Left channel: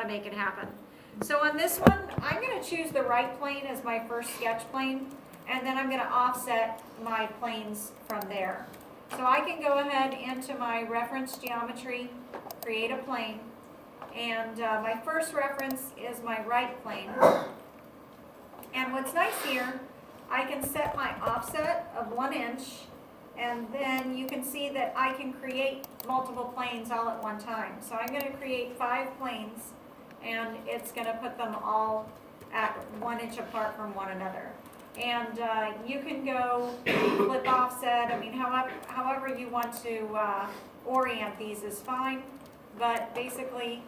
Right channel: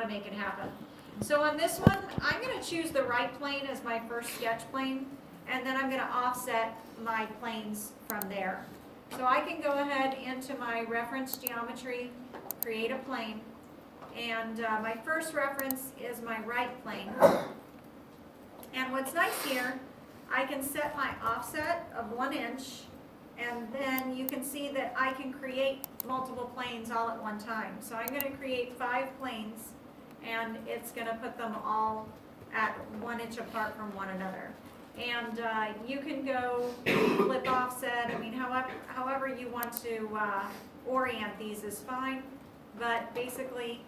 how to make it happen. So on this one, I'm going to choose the right plane as my first sketch plane, and then I'm going to offset my planes from there. So I can go ahead into my reference geometry, create a plane, and my first reference is my right plane. And what's nice here, I can set my offset of 1 inch, and then you can see that I can create multiple planes all at one time. So I'm going to create 5 planes, and it's going to put them all at 1 inch apart from one another. And you can go flip offset, I mean, however you want to orient these is fine, but basically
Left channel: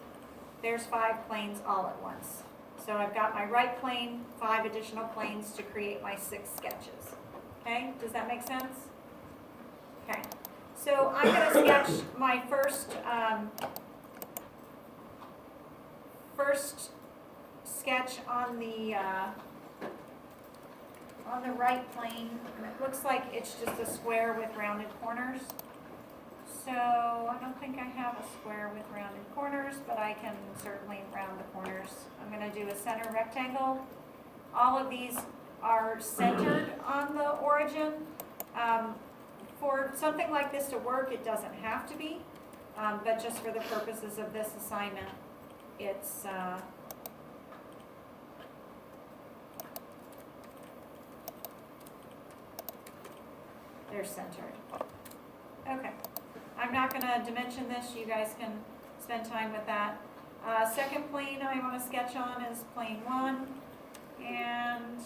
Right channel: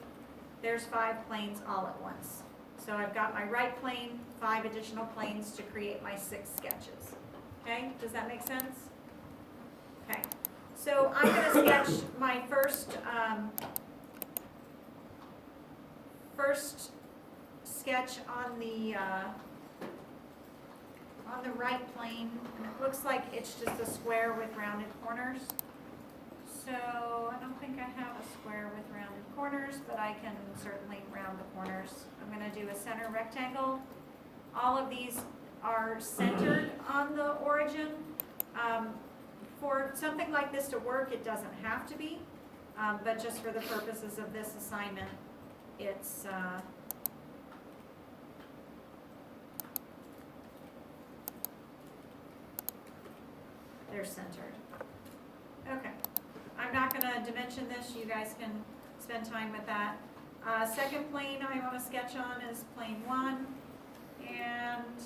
there's 5 planes all at once. So I've got my right plane, 5 additional planes to create my 6 sketches. Okay, does that make sense? Okay, so I'm going to sketch my first sketch on the right plane. It looks like it's just a square with rounded corners. So I don't think I have a square with rounded corners, but I can certainly round the corners. I'm going to do a center rectangle. All of these are centered on the origin. For something like this to work, it doesn't have to be, but just for the purposes of this assignment, it's they're centered. Okay. I'm not going to dimension this. You guys can spend time with that. Second plane I want to sketch on is plane 1, and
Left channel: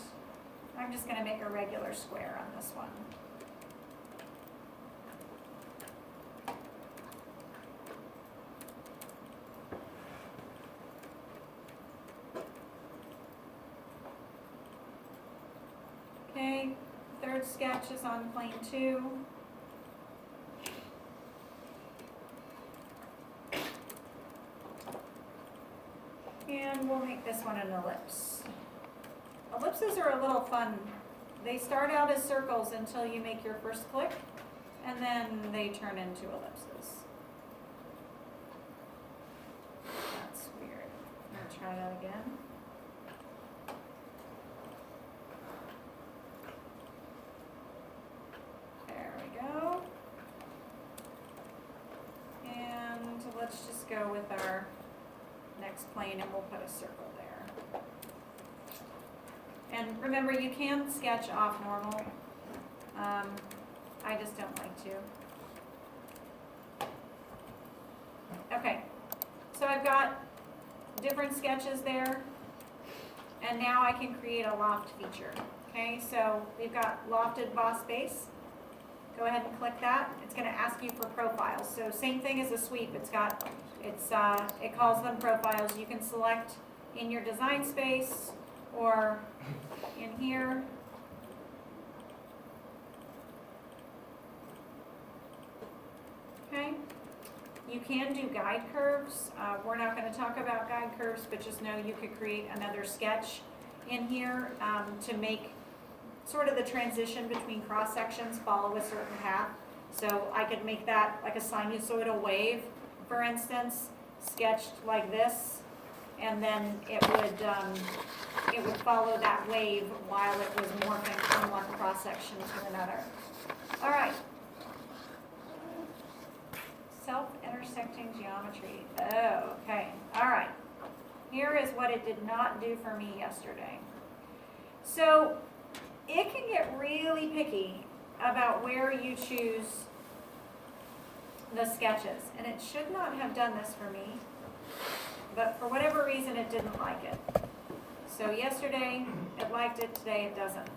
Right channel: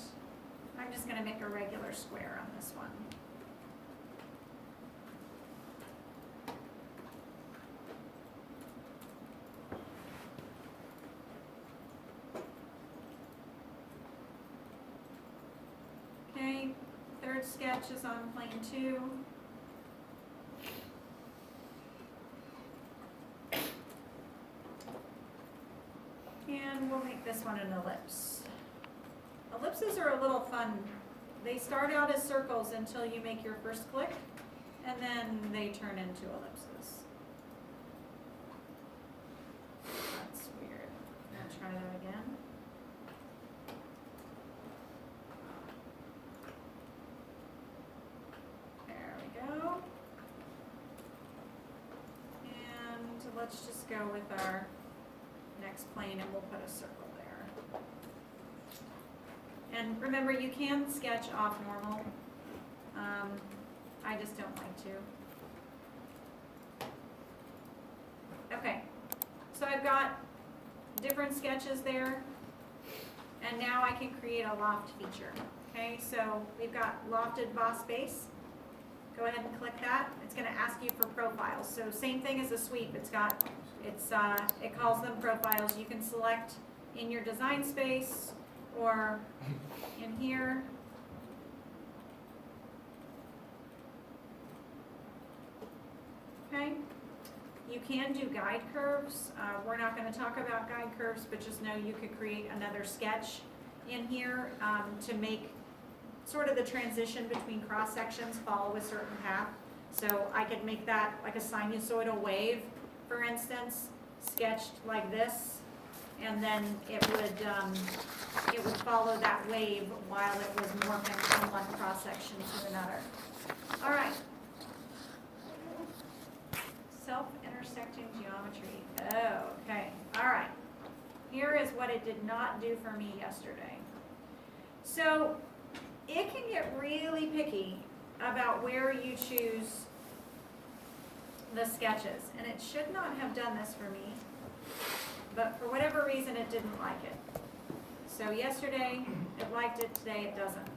I'm just going to make a regular square on this one. Okay, third sketch is on plane 2. And we'll make this one an ellipse. Ellipses are a little fun. They start out as circles until you make your first click, and then they turn into ellipses. That's weird. I'm going to try that again. There we go. And let's just go with our next plane, and we'll put a circle there. And remember, you can sketch off normal. I just don't like to. Okay, so I've got different sketches there, and now I can create a loft feature. Okay, so we've got lofted boss base. Go ahead and click that. It's going to ask you for profiles. So same thing as a sweep. It calls them profiles. You can select in your design space or in here. Okay. You can do guide curves. We're not going to talk about guide curves, but just know you could create another sketch in here to make sort of the transition between cross sections follow a certain path. So I could make that like a sinusoidal wave, for instance, sketched like this, and then it would follow that wave while it was morphing from one cross section to another. All right. Self-intersecting geometry. Oh, okay. All right. Here is what it did not do for me yesterday. So it can get really picky about where you choose the sketches, and it should not have done this for me, but for whatever reason it didn't like it. So yesterday it liked it, today it doesn't.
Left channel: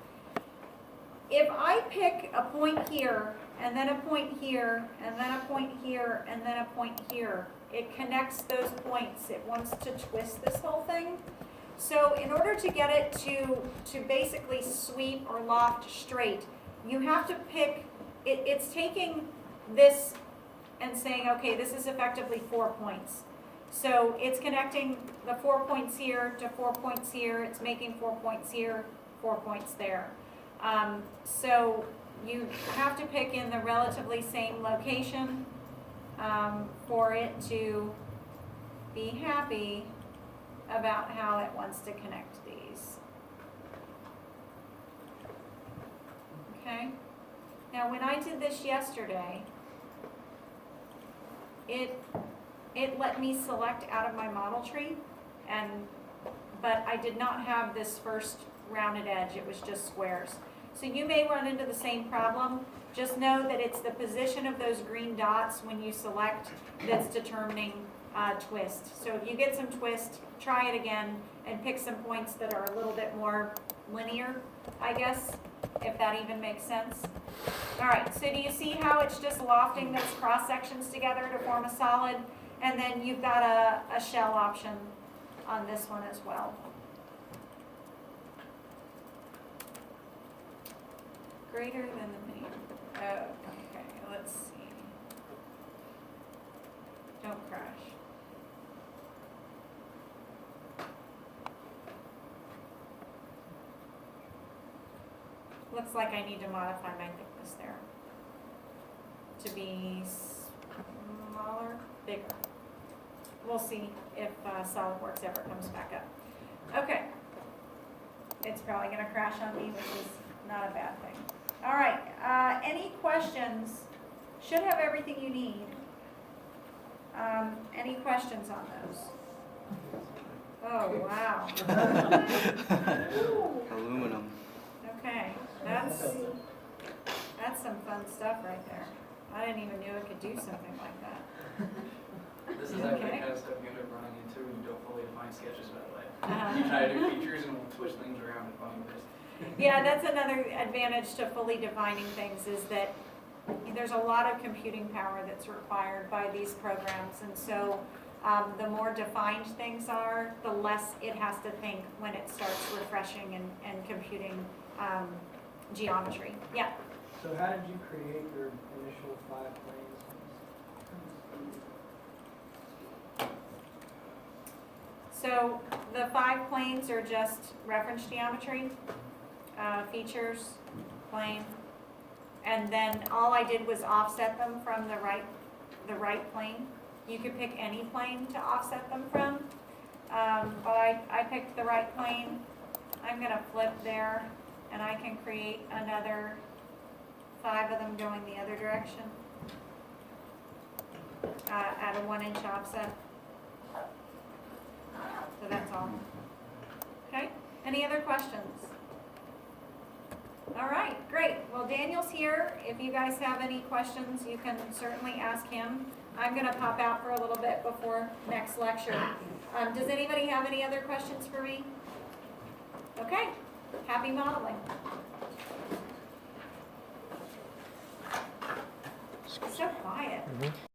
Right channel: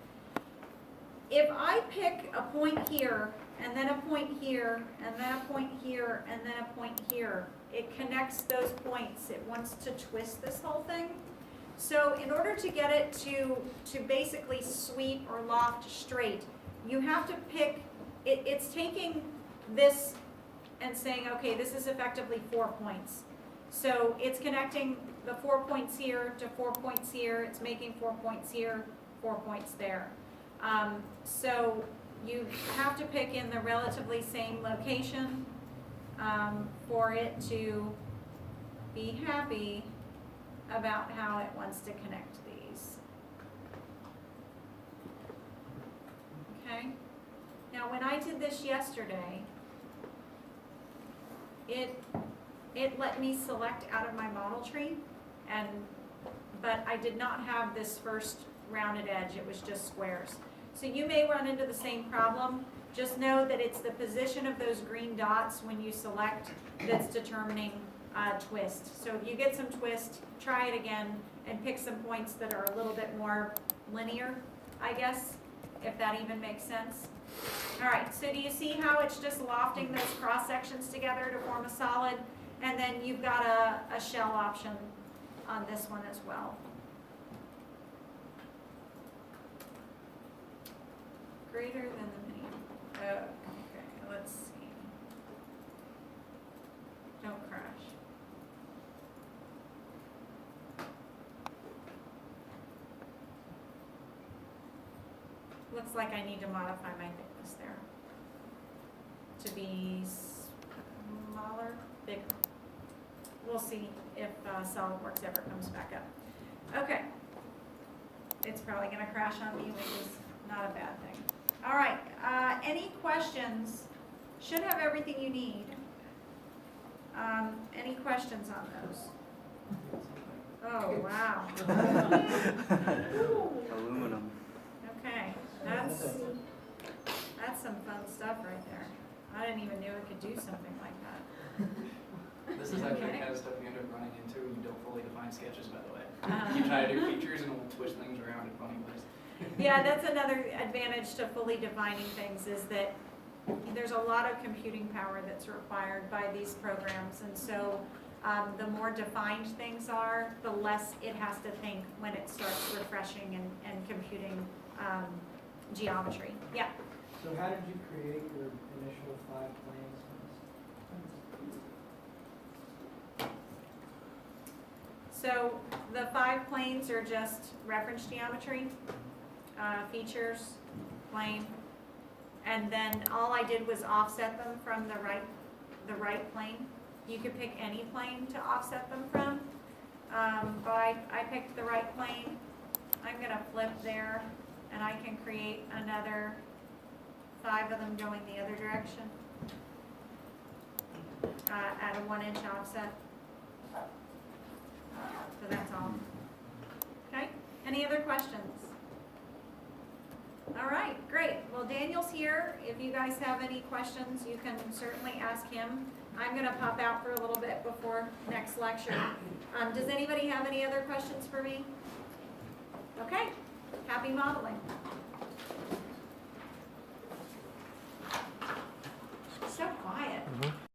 If I pick a point here, and then a point here, and then a point here, and then a point here, it connects those points. It wants to twist this whole thing. So in order to get it to basically sweep or loft straight, you have to pick, it's taking this and saying, okay, this is effectively 4 points. So it's connecting the 4 points here to 4 points here. It's making 4 points here, 4 points there. So you have to pick in the relatively same location for it to be happy about how it wants to connect these. Okay? Now, when I did this yesterday, it let me select out of my model tree, but I did not have this first rounded edge, it was just squares. So you may run into the same problem. Just know that it's the position of those green dots when you select that's determining twist. So if you get some twist, try it again and pick some points that are a little bit more linear, I guess, if that even makes sense. All right, so do you see how it's just lofting those cross sections together to form a solid? And then you've got a shell option on this one as well. Greater than the median. Okay, let's see. Don't crash. Looks like I need to modify my thickness there to be smaller, bigger. We'll see if SolidWorks ever comes back up. Okay. It's probably going to crash on me, which is not a bad thing. All right. Any questions? Should have everything you need. Any questions on those? Oh, wow. Aluminum. Okay. That's some fun stuff right there. I didn't even know it could do something like that. This is actually kind of stuff you end up running into when you don't fully define sketches, by the way. You try to do features and we'll twist things around in funny ways. Yeah, that's another advantage to fully defining things, is that there's a lot of computing power that's required by these programs, and so the more defined things are, the less it has to think when it starts refreshing and computing geometry. Yeah. So how did you create your initial 5 planes? So the 5 planes are just reference geometry, features, plane, and then all I did was offset them from the right plane. You could pick any plane to offset them from, but I picked the right plane. I'm gonna flip there, and I can create another 5 of them going the other direction at a 1-inch offset. So that's all. Okay, any other questions? All right, great. Well, Daniel's here. If you guys have any questions, you can certainly ask him. I'm gonna pop out for a little bit before next lecture. Does anybody have any other questions for me? Okay, happy modeling.